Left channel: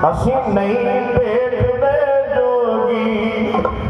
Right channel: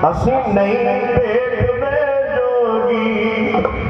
ਅਸੀਂ ਨਹੀਂ ਦੇਖਦੇ ਜੋਗੀ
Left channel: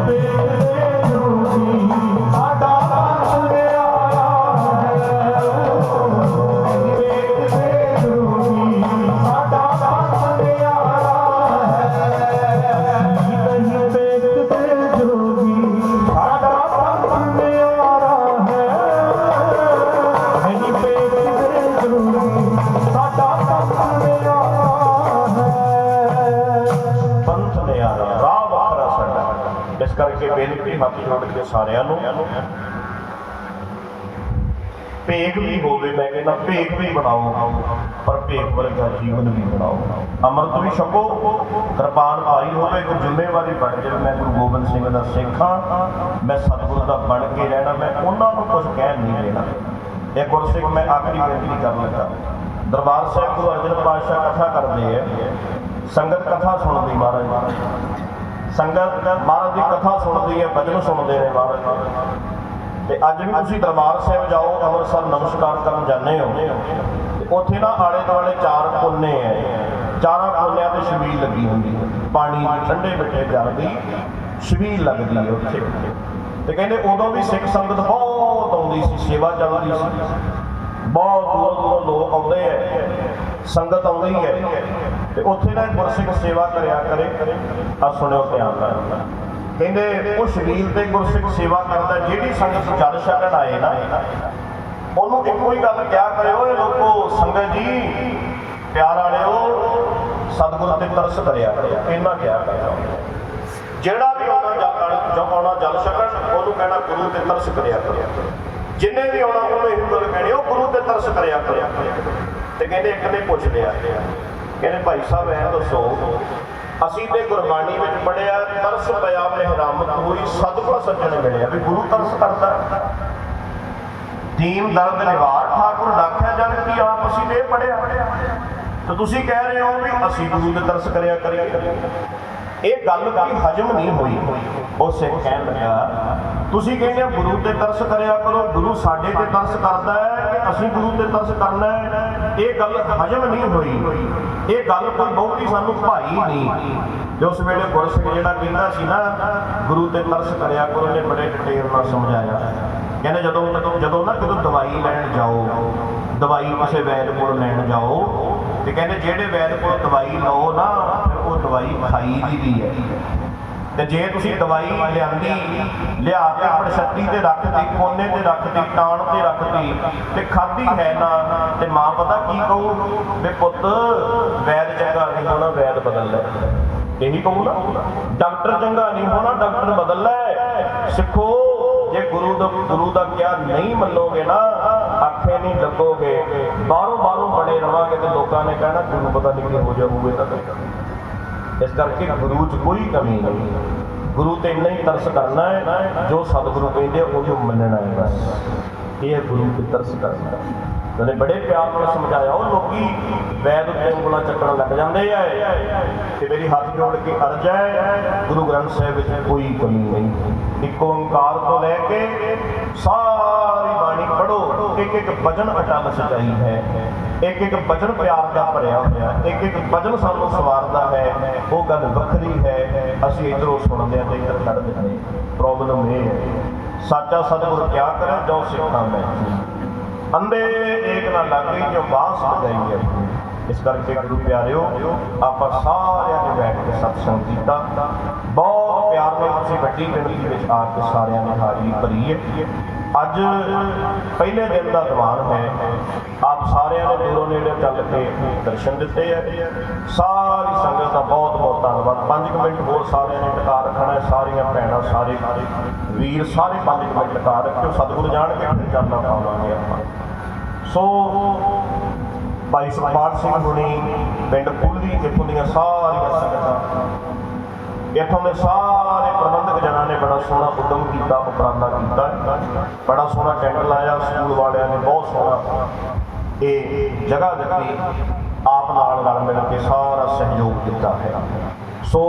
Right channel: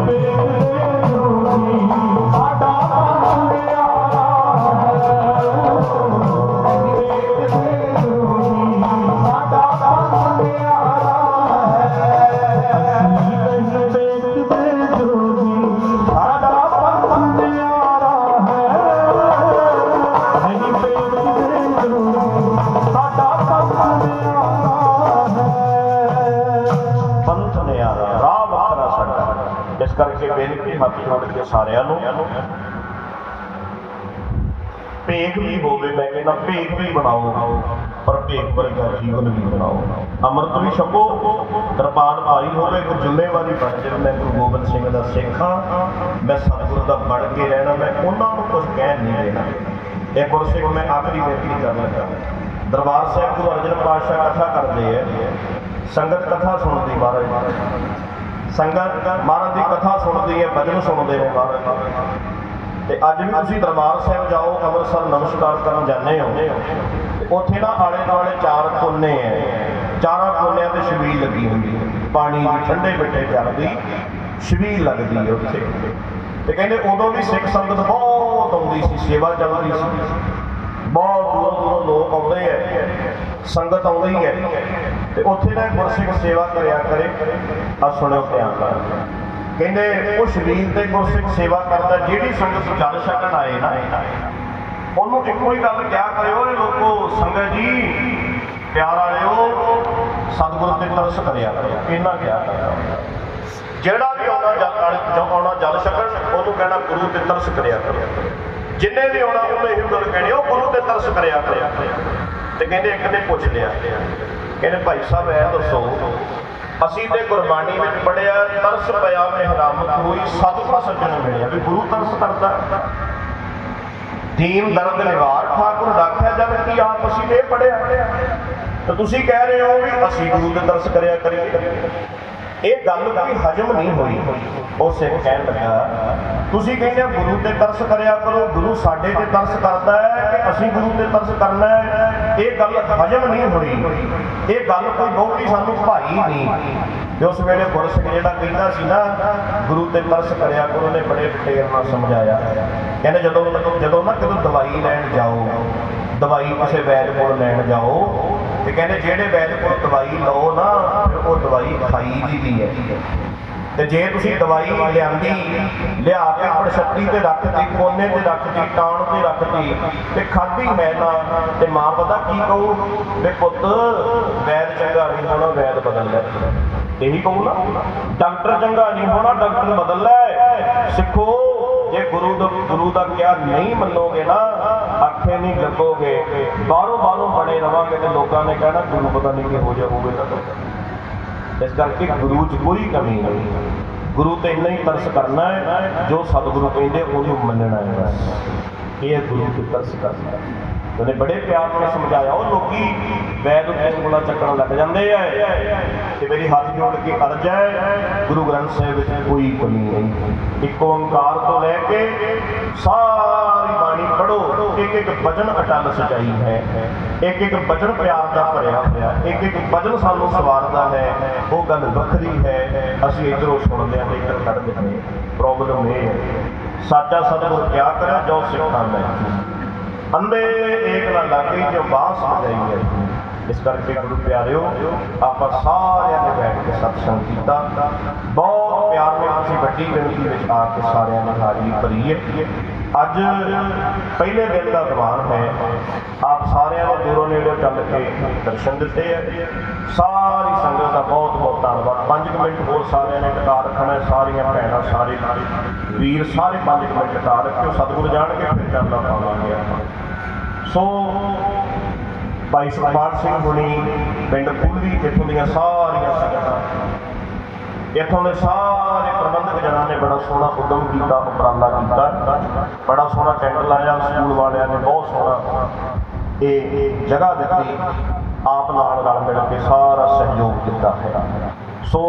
ਨਹੀਂ ਇਸ ਕਰਕੇ ਬੇਨਤੀ ਹੱਥ ਜੋੜ ਕੇ ਸਾਰਿਆਂ ਨੂੰ, ਭੇਗ ਵੀ ਹੋਵੇ ਮੈਂ ਕਹਿੰਦਾ ਭੇਗ ਵੀ ਬਣਾਓ, ਪਰ ਭੇਗ ਵਰਗਾ ਜੀਵਨ ਵੀ ਬਣਾਓ। ਅੰਮ੍ਰਿਤ ਵੀ ਛਕੋ, ਦਰਬਾਰ ਪਾਈ ਹੋਵੇ, ਇੱਕ ਜ਼ਿੰਮੇਵਾਰੀ ਬਣ ਜਾਵੇ। ਮੈਂ ਗੁਰੂ ਗੋਬਿੰਦ ਸਿੰਘ ਦਾ ਸਿੱਖ ਹਾਂ, ਮੈਂ ਸਤਿਗੁਰੂ ਦਾ ਬਣ ਕੇ ਰਹਿਣਾ, ਮੈਂ ਉਹਨਾਂ ਨੂੰ ਕੁਝ ਕਹਿ ਨਹੀਂ ਦੇਣਾ। ਇਹ ਗੁਰਸਿੱਖ ਮੈਂ ਆਖਰੀ ਬੇਨਤੀ ਕਰਨ ਲੱਗਾ। ਦਰਬਾਰ ਸਾਹਿਬ ਗੁਰੂ ਅਰਜਨ ਪਾਤਸ਼ਾਹ ਕਥਾ ਕਰਦੇ ਆ। ਸੰਗਤ ਕਥਾ ਸੁਣਦੀ ਮਹਾਰਾਜ। ਸੰਗਤ ਮਹਾਰਾਜ ਦੀ ਕਥਾ ਸੁਣਦੀ ਹੈ, ਭਜਨ ਸੁਣਦੇ ਨੇ ਮਹਾਰਾਜ। ਤੇ ਅੱਜ ਵੀ ਤੁਸੀਂ ਦਰਬਾਰ ਸਾਹਿਬ ਜਾਓ, ਅੰਮ੍ਰਿਤਸਰ ਨਮਸਕਾਰ ਕਰਨ ਜਾਂਦੇ ਹੋ। ਤੇ ਉੱਥੇ ਨਾ ਆਲੇ ਦੁਆਲੇ ਚਾਰ ਕੋਨੇ ਐ। ਚਾਰਾਂ ਕੋਨਿਆਂ ਤੇ ਛਬੀਲ ਲੱਗੀ ਹੁੰਦੀ ਹੈ। ਪਾਣੀ ਠੰਡੇ ਮਿੱਠੇ ਜਲ ਦੀ ਛਬੀਲ ਲੱਗਦੀ ਹੈ ਉੱਥੇ। ਤੇ ਕਹਿੰਦੇ ਉਦੋਂ ਵੀ ਸਿੱਖ ਸੰਗਤ ਬਹੁਤ ਆਉਂਦੀ ਸੀ, ਸੇਵਾ ਚੱਲਦੀ ਸੀ ਬਹੁਤ ਦੂਰੋਂ ਦੂਰੋਂ ਲੋਕ ਆਉਂਦੇ ਐ ਸੰਗਤ ਆਉਂਦੀ ਹੈ ਤੇ ਉੱਥੇ ਨਾ ਗੁਰਸਿੱਖ ਸੇਵਾ ਕਰਿਆ ਕਰੇ। ਆ ਸੁਣਿਓ ਧਿਆਨ ਨਾਲ। ਕਹਿੰਦੇ, ਉਹ ਸ਼ਰੀਰ ਤੇ ਗੁਰਸਿੱਖ ਸੇਵਾ ਕਰਦਾ, ਜਿਹੜੀ ਸੰਗਤ ਜਲ ਛਕਣ ਆਏ ਨਾ, ਉਹਨੂੰ ਇੱਕੋ ਹੀ ਗੱਲ ਕਿਹਾ ਕਰੇ ਲੋਕੋ, ਸੰਗਤ ਜੀ, ਪਿਆਰ ਵਾਲਿਓ, ਸਤਿਗੁਰ ਤੇ ਤਰਸ ਕਰਿਆ ਕਰੋ। ਇਹਨਾਂ ਕਿਹਾ ਕਰਦਾ ਜਿਹੜਾ ਵੀ ਆਉਣਾ ਜਲ, ਜੋ ਆਉਣਾ ਜਲ ਛਕਣ, ਉਹਨੂੰ ਕਹਿਣਾ ਗੁਰੂ ਤੇ ਤਰਸ ਕਰਿਆ ਕਰੋ। ਜਿੰਨੇ ਵੀ ਆਉਣਾ ਉਹਨੂੰ ਇਹ ਗੱਲ ਕਹਿਣੀ ਉਹ ਗੁਰੂ ਤੇ ਤਰਸ ਕਰਿਆ ਕਰਿਆ ਤੇ ਕਹਿੰਦੇ ਇੱਕ ਨੇ ਪੁੱਛ ਲਿਆ। ਕਹਿੰਦੇ, ਭਾਈ ਸਾਹਿਬ ਐ ਦੱਸੋ, ਅਸੀਂ ਤੇ ਗੁਰਬਾਣੀ ਵਿੱਚ ਪੜਿਆ ਤਰਸ ਪਿਆ ਮਿਹਰਮ ਕੋਈ ਸਤਿਗੁਰ ਸੱਜਣ ਮਿਲਿਆ ਵੀ ਗੁਰੂ ਤਰਸ ਕਰਦਾ ਦੀਨ, ਦਰਦ, ਨਿਵਾਰ, ਠਾਕੁਰ ਰਾਖਿਆ ਜਨ ਕੀ ਆਪ ਅਸੀਂ ਨੇ ਪੜਿਆ ਤੇ ਤੁਸੀਂ ਕਹਿ ਰਹੇ ਹੋ ਵੀ ਅਸੀਂ ਗੁਰੂ ਦੇ ਤਰਸ ਕਰਿਆ ਕਰੀਏ। ਇਹ ਗੱਲ ਵੀ ਹਜਮ ਨਹੀਂ ਹੋਈ। ਉਹ ਸਿੱਖ ਕਹਿਣ ਲੱਗਾ, ਤੁਸੀਂ ਕਹਿੰਦੇ ਗੁਰੂ ਤੇ ਤਰਸ ਕਰਿਆ ਕਰੋ, ਗੁਰੂ ਸਾਡੇ ਤੇ ਤਰਸ ਕਰਦਾ ਹੈ ਕਿ ਅਸੀਂ ਗੁਰੂ ਤੇ ਤਰਸ ਕਰਨਾ ਹੈ? ਇਹ ਗੱਲ ਹਜਮ ਨਹੀਂ ਹੋਈ। ਇਹ ਗੱਲ ਕੋਈ ਬਹੁਤੀ ਸਾਨੂੰ ਭਾਈ ਨਹੀਂ। ਜੋ ਉਸ ਵੇਲੇ ਗੁਰਸਿੱਖ ਜਿਹੜਾ ਕਹਿੰਦਾ ਸੀ ਨਾ, ਗੁਰੂ ਤੇ ਤਰਸ ਕਰਿਆ ਕਰੋ, ਉਹਨੇ ਬੜੇ ਡਿਟੇਲ ਨਾਲ ਸਮਝਾਇਆ। ਕਹਿੰਦੇ ਜਦੋਂ ਜਦੋਂ ਨਾ ਕਿਤੇ ਦਵਾਈ ਲੈਣ ਜਾਓ, ਦਵਾਈ ਕਿਸੇ ਵੈਦ ਕੋਲ ਲੈਣ ਜਾਓ, ਤੇ ਕਹਿੰਦੇ ਜਿਹੜੇ ਵੈਦ ਕੋਲ ਦਵਾਈ ਲਓ ਨਾ, ਫਿਰ ਉਹ ਦਵਾਈ ਖਾਈ ਦੀ ਵੀ ਹੈ। ਤੇ ਜੇ ਤੁਸੀਂ ਦਵਾਈ ਲਿਆਂਦੀ, ਲਿਆ ਕੇ ਆਪਣੀ ਛੱਤੀ ਤੇ ਰੱਖਤੀ ਕੋਨੇ ਤੇ ਰੱਖਤੀ ਟਾਣ ਤੇ ਰੱਖਤੀ, ਤੇ ਖਾਧੀ ਹੈ ਨਾ, ਤੇ ਮਾਂ ਪਤਾ ਕੀ ਕਹੂ? ਵੇ ਪੁੱਤ, ਵੈਦ ਚੰਗਾ ਨਹੀਂ ਹੋਣਾ, ਵੈਦ ਬਦਲ ਲੈ। ਇਹੀ ਕਹੂ ਡਾਕਟਰ ਚੰਗਾ ਨਹੀਂ ਹੋਣਾ, ਡਾਕਟਰ ਬਦਲ ਲੈ। ਸਿੱਖੋ, ਜੇ ਗੁਰੂ ਦਾ ਗੁਰੂ ਦਾ ਕਿਹਾ ਨਹੀਂ ਮੰਨੋਗੇ ਨਾ, ਆਖੇ ਨਹੀਂ ਲੱਗੋਗੇ। ਬਾਹਰੋਂ ਬਾਹਰੋਂ ਬਣੇ ਰਵਾਂਗੇ ਤੇ ਲੋਕਾਂ ਨੇ ਕਹਿਣਾ ਗੁਰੂ ਪਤਾ ਨਹੀਂ ਕਿਹੋ ਜਿਹਾ ਹੋਵੇਗਾ ਇਸ ਕਰਕੇ ਗੁਰੂ 'ਚ ਕੋਈ ਕਮੀ ਨਹੀਂ। ਗੁਰੂ ਤੇ ਇੰਨਾ ਹੀ ਤਰਸ ਕਰਨਾ ਹੈ, ਜੋ ਸਤਿਗੁਰੂ ਕਹਿੰਦੇ ਉਹਨੂੰ ਮੰਨਣਾ ਹੈ ਬਸ ਇਹ ਗੁਰੂ ਤੇ ਤਰਸ ਕਰਨਾ। ਉਹਨੇ ਬੜੇ ਪਿਆਰ ਨਾਲ ਸਮਝਾਇਆ, ਉਹ ਲੋਕੀ ਵੈਦ ਉੱਤੇ ਉਂਗਲਾਂ ਚੱਕਣ ਲੱਗ ਜਾਂਦੇ ਆ, ਤੇ ਮੇਰੀ ਹੱਥ ਜੋੜ ਕੇ ਅਰਜ਼ ਹੈ, ਗੁਰੂ ਗ੍ਰੰਥ ਸਾਹਿਬ ਵਿੱਚ ਕੋਈ ਕਮੀ ਨਹੀਂ। ਇੱਕ ਓੰਕਾਰ ਤੋਂ ਲੈ ਕੇ ਸਾਰੀ ਇੱਕ ਇੱਕ ਵਜਨ ਅਟਲ ਸਚਾਈ ਹੈ। ਇੱਕ ਇੱਕ ਵਜਨ ਪਿਆਰ ਦਾ ਭਰਿਆ ਹੋਇਆ। ਇੱਕ ਇੱਕ ਵਜਨ ਸਾਨੂੰ ਸਵਾਰਦਾ ਹੈ। ਉਹ ਗੱਲ ਵੱਖਰੀ ਹੈ। ਅਸੀਂ ਇਧਰੋਂ ਸੁਣਦੇ ਹਾਂ ਤੇ ਇੱਧਰ ਕੱਢ ਦਿੰਦੇ ਪ੍ਰੋਬਲਮ ਇਹ ਹੈ, ਸਾਚਾ ਸਤਿਗੁਰ ਕਿਆ ਕਰੇ ਜੋ ਸਿੱਖਾਂ ਮੈਂ ਅੰਦੇ ਏਕ ਨਾ ਲਾਗੇ ਜੋ ਬਾਸ ਵਜਾਈ ਹੈ। ਇਸ ਕਰਕੇ ਗੁਰੂ ਪਿਆਰਿਓ, ਆਪਾਂ ਸਾਰਿਆਂ ਨੇ ਬੈਠ ਕੇ ਸਤਸੰਗ ਕੀਤਾ। ਬਹੁਤ ਪਿਆਰ ਨਾਲ ਤੁਸੀਂ ਵੱਡੀ ਗਿਣਤੀ ਵਿੱਚ ਆ ਕੇ ਸਾਰਿਆਂ ਨੇ ਹਾਜ਼ਰੀ ਭਰੀ ਹੈ। ਅੱਜ ਪਹਿਲੇ ਦਿਨ ਦਾ ਦੀਵਾਨ ਹੈ, ਆਪ ਸਾਰਿਆਂ ਨੇ ਦੂਰੋਂ ਨੇੜੇ ਚੱਲ ਕੇ ਦਰਸ਼ਨ ਦਿੱਤੇ ਹੈ। ਸਾਰੀ ਸੰਗਤ ਦਾ ਬਹੁਤ ਬਹੁਤ ਧੰਨਵਾਦ। 5 ਮਿੰਟ ਹੋਰ ਸਾਰਿਆਂ ਨੇ ਟਿਕਾ ਰੱਖਣਾ ਸਾਰੀਆਂ ਭੈਣਾਂ, ਸਾਰੇ ਵੀਰ, ਸਾਰੇ 5 ਮਿੰਟ ਟਿਕਾ ਰੱਖਿਓ। ਸਤਿਗੁਰੂ ਜਾਣਗੇ ਫਿਰ ਚੱਲਣਾ ਪਾਵਾਂਗੇ ਆਪਾਂ। ਸੋ, ਭਾਈ ਸੁਖਪਾਲ ਸਿੰਘ ਹੁਣੀ ਪਿੰਡ ਪੁੱਲੀ, ਇੱਥੋਂ ਦੀਆਂ ਸਾਰੀਆਂ ਸੰਗਤਾਂ। ਇੱਥੋਂ ਦੇ ਸਾਰੇ ਪ੍ਰਬੰਧਕ ਜਨਾਂ ਨੇ ਬੜਾ ਸੋਹਣਾ ਉਦਮ ਕੀਤਾ, ਉਪਰਾਲਾ ਕੀਤਾ। ਬੜਾ ਸੋਹਣਾ ਟੈਂਟ ਲਾਇਆ, ਸਕੂਲ ਵਾਲਿਆਂ ਨੇ ਬਹੁਤ ਸੋਹਣਾ ਇਹ ਜਗ੍ਹਾ ਦਿੱਤੀ, ਆਪ ਨਾਲ ਰਲ ਮਿਲ ਕੇ ਸਾਰਾ ਸਹਿਯੋਗ ਦਿੱਤਾ ਹੈ। ਸੋ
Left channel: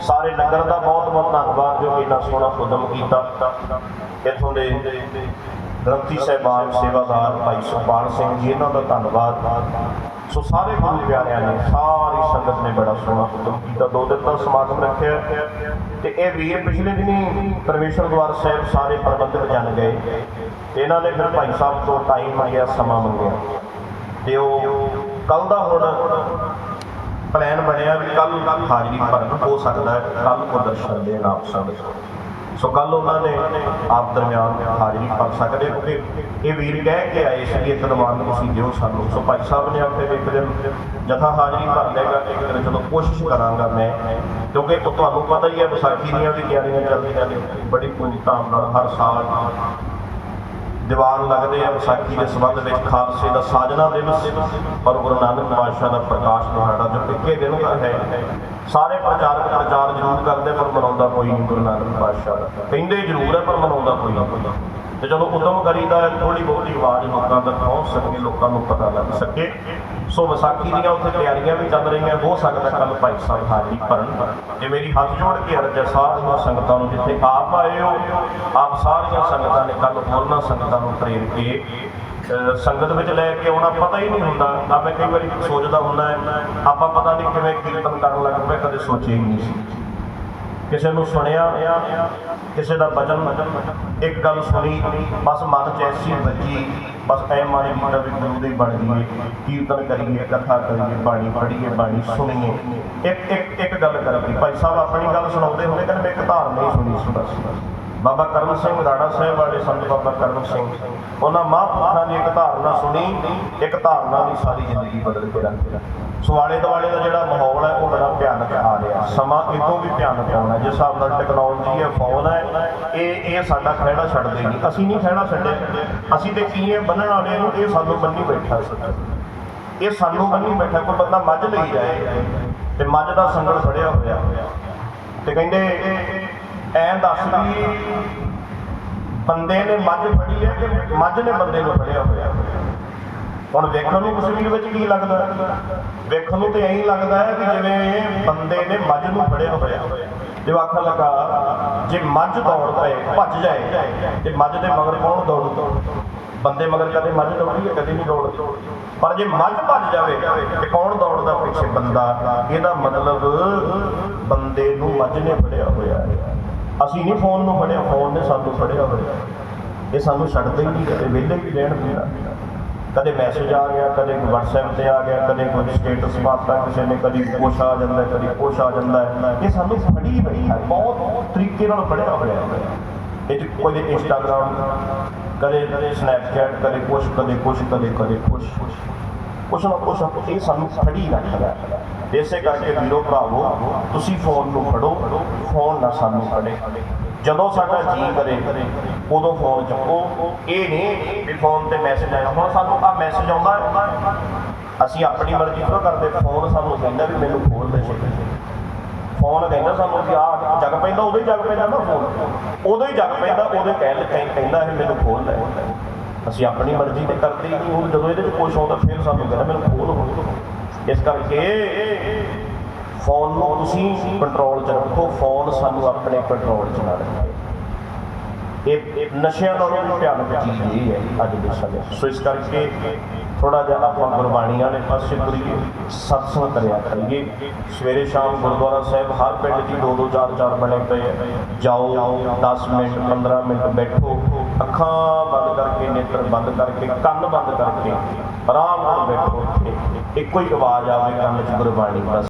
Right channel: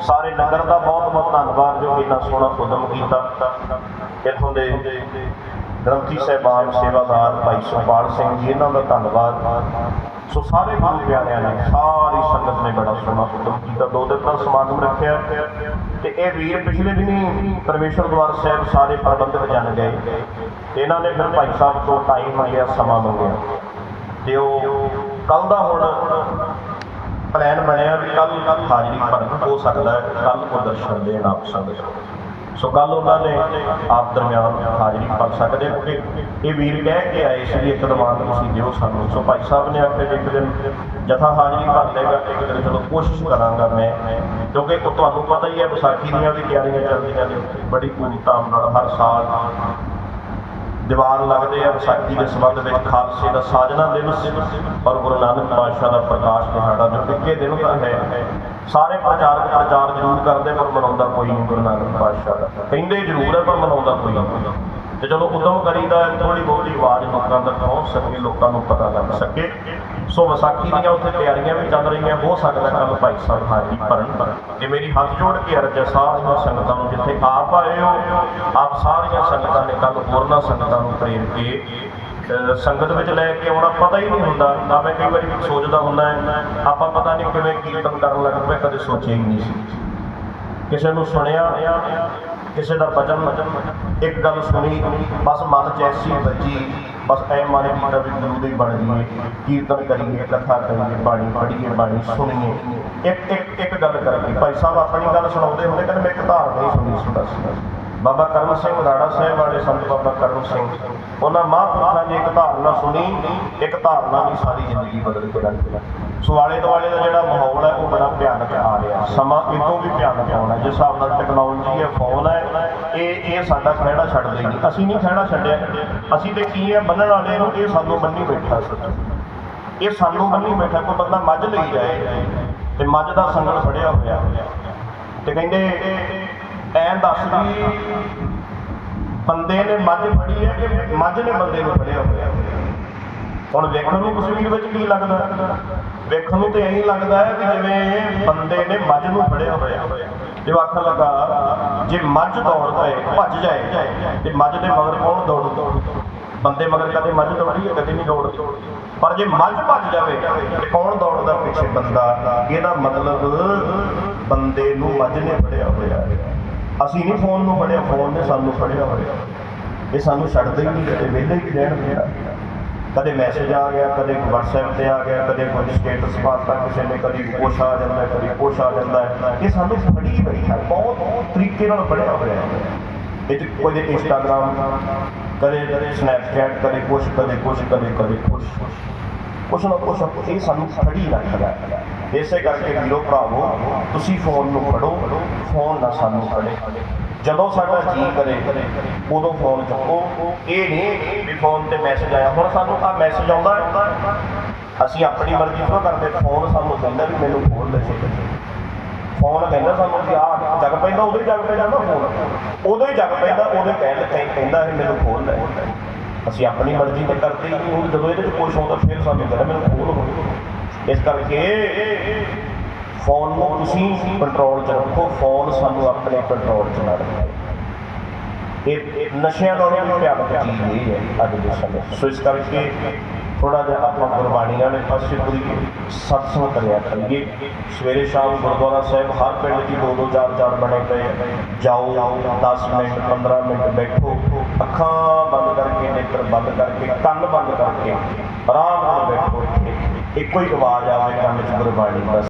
ਸਾਰੇ ਨਗਰ ਦਾ ਬਹੁਤ ਬਹੁਤ ਧੰਨਵਾਦ ਜੋ ਇੰਨਾ ਸੋਹਣਾ ਉਦਮ ਕੀਤਾ। ਇੱਥੋਂ ਦੇ ਗ੍ਰੰਥੀ ਸਾਹਿਬਾਨ, ਸੇਵਾਦਾਰ ਭਾਈ ਸੁਖਪਾਲ ਸਿੰਘ ਜੀ, ਇਹਨਾਂ ਦਾ ਧੰਨਵਾਦ। ਸੋ ਸਾਰੇ ਗੁਰੂ ਪਿਆਰਿਆਂ ਨੇ ਸਾਰੀ ਸੰਗਤ ਨੇ ਬੜਾ ਸੋਹਣਾ ਉਦਮ ਕੀਤਾ। ਦੋ ਦਿਨ ਦਾ ਸਮਾਗਮ ਰੱਖਿਆ। ਤੇ ਇਹ ਵੀਰ ਪਿਛਲੇ ਦਿਨੀ ਪਰਮੇਸ਼ਰ ਦਵਾਰ ਸਾਹਿਬ ਸਾਰੇ ਪ੍ਰਬੰਧਕ ਜਨ ਗਏ ਤੇ ਇਹਨਾਂ ਨੇ ਫਿਰ ਭਾਈ ਸਾਹਿਬ ਕੋਲ ਟਾਈਮ ਮੰਗਿਆ, ਸਮਾਂ ਮੰਗਿਆ। ਤੇ ਉਹ ਕੱਲ ਦਾ ਹੁਣ ਪਲਾਨ ਬਣਿਆ ਵੀ ਕੱਲ ਹਾਜ਼ਰੀ ਭਰਨ ਹੋ ਸਕਦਾ ਹੈ ਕੱਲ ਨੂੰ ਦਰਸ਼ਨ ਦੇਣ ਆਪ ਸਭ ਸੋ ਕੱਲ ਉਹਨਾਂ ਨੇ ਆਪ ਦਰਮਿਆਨ ਹਾਜ਼ਰੀ ਭਰ ਸਕਦੇ ਕਿਉਂਕਿ ਇਹ ਵੀਰ ਕਹਿ ਕੇ ਆਏ ਸੀ ਵੀ ਇੱਕ ਦਿਮਾਗ ਤੁਸੀਂ ਦਿਓ ਸਾਨੂੰ। ਸੋ ਭਾਈ ਸਾਹਿਬ ਨੇ ਆਪਣੇ ਇੱਕ ਦਿਨ ਜਥਾ ਹਾਜ਼ਰੀ ਭਰ ਲੇਗਾ ਇੱਕ ਚਲੋ ਕੋਸ਼ਿਸ਼ ਕਰਾਂਗਾ ਮੈਂ, ਕਿਉਂਕਿ ਉਹ ਤੁਹਾਨੂੰ ਪਤਾ ਹੀ ਹੈ, ਵਿਸਾਖੀ ਦੀਆਂ ਵੀ ਤਿਆਰੀਆਂ ਚੱਲਦੀਆਂ ਨੇ। ਬੜੀ ਪੂਰੀ ਧਾਮ ਨਾਲ ਹਰ ਸਾਲ ਦੀਵਾਨ ਲੱਗਦੇ ਆ ਵਿਸਾਖੀ ਦੇ ਸੰਬੰਧ ਵਿੱਚ, ਖਾਲਸੇ ਦਾ ਸਾਜਣਾ ਦਿਵਸ, ਔਰ ਗੁਰੂ ਨਾਨਕ ਪਾਤਸ਼ਾਹ ਦਾ ਪ੍ਰਕਾਸ਼ ਦਿਹਾੜਾ ਜੋ ਪਿੱਕੇ ਦਿਨ ਕਰ ਹੈ। ਸਾਰੇ ਪ੍ਰਚਾਰਕ ਪ੍ਰਚਾਰ ਜ਼ਰੂਰ ਕਰਦੇ ਪਰ ਮਨਾਉਂਦਾ ਕੋਈ ਨਹੀਂ ਗੁਰੂ ਨਾਨਕ ਪਾਤਸ਼ਾਹ ਦਾ। ਕਹਿੰਦੇ ਜ਼ਰੂਰ ਹੈ ਪਰ ਮਨਾਉਂਦਾ ਕੋਈ ਨਹੀਂ। ਤੇ ਜਦੋਂ ਉਦੋਂ ਕਰੀਦਾ ਥੋੜੀ ਬਹੁਤੀ ਆਵਾਜ਼ ਲੋਕਾਂ ਤੱਕ ਪਹੁੰਚ ਸਕੇ ਲੋਕਾਂ ਨੂੰ ਪਤਾ ਲੱਗ ਸਕੇ। ਸੋ ਵਿਸਾਖੀ ਦੀਆਂ ਉੱਥੇ ਤਿਆਰੀਆਂ ਵੀ ਚੱਲ ਰਹੀਆਂ, ਹੋ ਸਕਦਾ ਕੱਲ ਭਾਈ ਸਾਹਿਬ ਹਾਜ਼ਰੀ ਭਰਨ। ਤੇ ਮੇਰੀ ਹੱਥ ਜੋੜ ਕੇ ਅਰਜ਼ ਹੈ, ਸਾਰੀਆਂ ਸੰਗਤਾਂ ਨੂੰ ਜਿੱਥੇ ਆਪ ਆਏ ਹੋ, ਆਪ ਸਾਰੀਆਂ ਸੰਗਤਾਂ ਨੇ ਕੱਲ ਹੋਰਨਾਂ ਸੰਗਤਾਂ ਨੂੰ ਪ੍ਰੇਰ ਕੇ ਸੰਗਤ ਵਿੱਚ ਲੈ ਕੇ ਆਉਣਾ ਪਤਾ ਹੀ ਨਹੀਂ ਹੁੰਦਾ, ਨਾ ਮੈਂ ਕਈ ਵਾਰੀ ਸੋਚਦਾ ਹੁੰਦਾ ਹੈ, ਆਪਾਂ ਪਤਾ ਨਹੀਂ ਕਿਵੇਂ ਕੀਰਤਨ ਕਰਨ ਲੱਗ ਪਏ, ਕਦੇ ਸੋਚਿਆ ਹੀ ਨਹੀਂ ਸੀ। ਕਿਸੇ ਨੂੰ ਸੁਣਿਆ, ਕਿਸੇ ਦਾ ਬਚਨ ਇੱਕ ਗੱਲ ਸੁਣੀ, ਬਸ ਮਤ ਚ ਐਸੀ ਬਸ ਐ ਮਨ ਕੀਤਾ ਵੀ ਗੁਰੂ ਦੇ ਬਣ ਗਈਏ ਕੀਰਤਨ ਕਰੀਏ, ਕਥਾ ਕਰੀਏ, ਬਾਣੀ ਪੜ੍ਹੀਏ, ਬਾਣੀ ਸੁਣੀਏ। ਇੱਕ ਇੱਕ ਇੱਕ ਗੱਲ ਕਰੀਏ ਭਾਈ ਸਾਹਿਬ ਆਪਣੀ ਗੱਲ ਸੁਣਾਉਂਦੇ ਹੁੰਦੇ ਕਹਿੰਦੇ ਮੈਂ ਇੱਕ ਧਾਰ ਨਹੀਂ ਸੁਣੀ ਸੀ ਬਸ। ਬਾਬਾ ਕਰਮ ਸਿੰਘ ਰਾੜਾ ਸਾਹਿਬ ਵਾਲੇ ਸੰਤ ਬਾਬਾ ਕਰਮ ਸਿੰਘ, ਉਹਨਾਂ ਮਹਾਂਪੁਰਖਾਂ ਨੇ ਇੱਕ ਧਾਰਨਾ ਸੁਣੀ, ਇੱਕ ਧਾਰਨਾ ਦੀ ਸਾਰੀ ਜ਼ਿੰਦਗੀ ਬਦਲ ਕੇ ਰੱਖ ਦਿੱਤਾ। ਸੋ ਆਲੇ ਦੁਆਲੇ ਦਾ ਜਿਹੜਾ ਮਾਹੌਲ ਹੈ, ਉਹ ਬੜਾ ਭਿਆਨਕ ਆ ਰਿਹਾ। ਸਮਾਂ ਇਦੋਂ ਵੀ ਭਿਆਨਕ ਆਉਣਾ ਜਿਸ ਹਿਸਾਬ ਨਾਲ ਟੈਕਨੋਲੋਜੀ ਹੈ ਫੋਨ ਹੈ ਇਹ ਇਹ ਸਾਡਾ ਖਹਿੜਾ ਛੱਡ ਦੇਗੀ। ਅਸੀਂ ਨਹੀਂ ਖਹਿੜਾ ਛੱਡਿਆ। ਅਸੀਂ ਤੇ ਕੀ ਹੈ ਬੰਨਣ ਵਾਲੇ ਨੂੰ ਇਹ ਸਾਨੂੰ ਬੰਨੀ ਬੈਠਾ ਸੀ। ਇਹ ਸਾਨੂੰ ਬੰਨੀ ਬੈਠਾ, ਕੋਈ ਬੰਦਾ ਮੱਝ ਲਈ ਜਾਏ ਤੇ ਮੱਝ ਦਾ ਸੰਗਲ ਫੜਿਆ ਹੋਇਆ। ਤੇ ਕਹਿੰਦੇ, ਐਂ ਦੱਸ ਵੀ ਬੰਦੇ ਨੇ ਮੱਝ ਫੜੀ ਹੈ ਕਿ ਮੱਝ ਨੇ ਬੰਦੇ ਨੂੰ ਫੜਿਆ ਹੋਇਆ? ਹੁਣ ਵੇਖਣ ਨੂੰ ਕਸ਼ਮੀਰ ਵਿੱਚ ਕੀ ਲੱਗਦਾ? ਵੇਖਣ ਨੂੰ ਤੇ ਐਂ ਲੱਗਦਾ ਹੈ ਕਿ ਜਿਵੇਂ ਬੰਦੇ ਨੇ ਮੱਝ ਨੂੰ ਫੜਿਆ ਹੋਇਆ। ਇਹ ਆਖਣ ਲੱਗਾ ਜੇ ਮੱਝ ਦੌੜ ਪਏ, ਭੱਜ ਜਾਏ, ਤੇ ਮੱਝ ਦੇ ਮਗਰ ਕੌਣ ਦੌੜਦਾ ਬੰਦੇ ਮਗਰ ਕਦੇ ਮੱਝ ਦੌੜੀ ਹੈ, ਕਦੇ ਨਹੀਂ ਦੌੜਦੀ। ਪਰ ਜੇ ਮੱਝ ਭੱਜ ਜਾਵੇ, ਤੇ ਕੌਣ ਦੌੜਦਾ ਪਿੱਛੇ ਬੰਦਾ? ਇਹਦਾ ਮਤਲਬ ਬੰਦੇ ਨੂੰ ਮੱਝ ਨੇ ਫੜਿਆ ਹੋਇਆ। ਅਸੀਂ ਨਹੀਂ ਫੋਨ ਨੂੰ ਫੜਿਆ, ਫੋਨ ਨੇ ਸਾਨੂੰ ਫੜਿਆ ਹੋਇਆ। ਇਹ ਸਾਨੂੰ ਛੱਡਦੇ ਹੀ ਨਹੀਂ ਤੇ ਵਿਹਲੇ ਹੀ ਰਹਿਣ ਪਿਆ ਕਦੇ ਮੈਸੇਜ ਆ ਗਿਆ ਕਦੇ WhatsApp ਤੇ ਆ ਗਿਆ ਕਦੇ ਕੋਈ ਸਟੇਟਸ ਪਾਤਾ ਕਿਸੇ ਨੇ ਕਦੀ ਕੁਛ ਆ ਜਾਂਦਾ ਹੈ, ਕਦੀ ਕੁਛ ਆ ਜਾਂਦਾ। ਇਹ ਸਾਨੂੰ ਫੜੀ ਹੋਈ ਹੈ ਬਹੁਤ ਤਰੀਕੇ ਨਾਲ ਫੜਿਆ ਹੋਇਆ ਹੈ। ਇਹ 'ਚ ਕੋਈ ਇੰਸਟਾਗ੍ਰਾਮ ਕਦੇ ਕਦੇ ਸਨੈਪਚੈਟ ਕਦੇ ਕੁਛ ਕਦੇ ਕੁਛ ਕਦੇ ਕਦੇ ਕੁਛ। ਕੁਛ ਨਾ ਕੁਛ ਇਹ ਸਾਨੂੰ ਫੜੀ ਰੱਖਦਾ ਹੈ। ਇਸੇ ਕਰਕੇ ਵੀਰੋ ਭਰਾਵੋ ਤੁਸੀਂ ਫੋਨ ਨੂੰ ਫੜੋ ਫੋਨ ਨਾ ਸਾਨੂੰ ਫੜੇ। ਜਦੋਂ ਸਾਡਾ ਜੀ ਕਰੇ, ਉਦੋਂ ਫੋਨ ਚੁੱਕੋ। ਇਹ ਨਹੀਂ ਵੀ ਫੋਨ ਤੇ ਮੈਸੇਜ ਆਇਆ। ਹੁਣ ਸਾਨੂੰ ਆ ਮੈਸੇਜ ਆਉਂਦਾ ਅਸੀਂ ਆਪਣੀ ਮਰਜ਼ੀ ਤੋਂ ਕਰਦੇ। ਫੋਨ ਸਾਨੂੰ ਕਹਿੰਦਾ ਵੀ ਮੈਨੂੰ ਖੋਲ ਦੇ ਛੇਤੀ ਫੋਨ ਕਹਿੰਦਾ ਸਾਨੂੰ ਕਿ ਆ ਜਗ ਪੈਂਦਾ, ਉਦੋਂ ਹੀ ਜਗ ਪੈਂਦਾ ਨਾ ਫੋਨ ਉਦੋਂ ਹੀ ਜਗ ਪੈਂਦਾ, ਉਦੋਂ ਕਹਿ ਕਹਿੰਦਾ ਇਹ ਮੈਨੂੰ ਖੋਲ ਲੈ ਅਸੀਂ ਆਪਣੀ ਮਰਜ਼ੀ ਤੇ ਕਰਦੇ ਹੀ ਹੁਣ ਜਦੋਂ ਇਹਦੇ ਚ ਕੁਛ ਆਉਂਦਾ, ਫਿਰ ਸਾਨੂੰ ਕਹਿੰਦਾ ਮੈਨੂੰ ਫੋਨ ਖੋਲ ਇਸ ਕਰਕੇ ਫੋਨ ਨੂੰ ਤੁਸੀਂ ਕੰਟਰੋਲ ਚ ਰੱਖੋ, ਫੋਨ ਸਾਨੂੰ ਆਪਣੇ ਕੰਟਰੋਲ ਚ ਨਾ ਰੱਖੇ। ਇਹ ਇਹ ਨਸ਼ਿਆਂ ਨਾਲੋਂ ਵੀ ਭਿਆਨਕ ਚੀਜ਼ ਇਹ ਹੈ ਅੱਜ ਦੇ ਸਮੇਂ ਸੋ ਇਸ ਕਰਕੇ ਥੋੜਾ ਜਿਹਾ ਆਪਾਂ ਗੁਰਬਾਣੀਆਂ ਦੇ ਪਾਸੇ ਪੂਰੀ ਸਤਸੰਗ ਕਰਿਆ ਕਰੀਏ। ਸਵੇਰੇ ਸ਼ਾਮ ਗੁਰਦੁਆਰਾ ਸਾਹਿਬ, ਹਰ ਪਿੰਡ 'ਚ ਦੋ ਦੋ ਚਾਰ ਚਾਰ ਬਣੇ ਪਏ ਆ। ਜਾਓ 10 ਮਿੰਟ 15 ਮਿੰਟ ਬੈਠੋ। ਅੱਖਾਂ ਬੰਦ ਕਰਕੇ, ਨੇਤਰ ਬੰਦ ਕਰਕੇ, ਕੰਨ ਬੰਦ ਕਰਕੇ, ਆਰਾਮ ਨਾਲ ਬੈਠੋ ਇੱਥੇ। ਇੱਕੋ ਹੀ ਆਵਾਜ਼ ਆਵੇ ਕੰਨ 'ਚ ਗੁਰਬਾਣੀ ਬਸ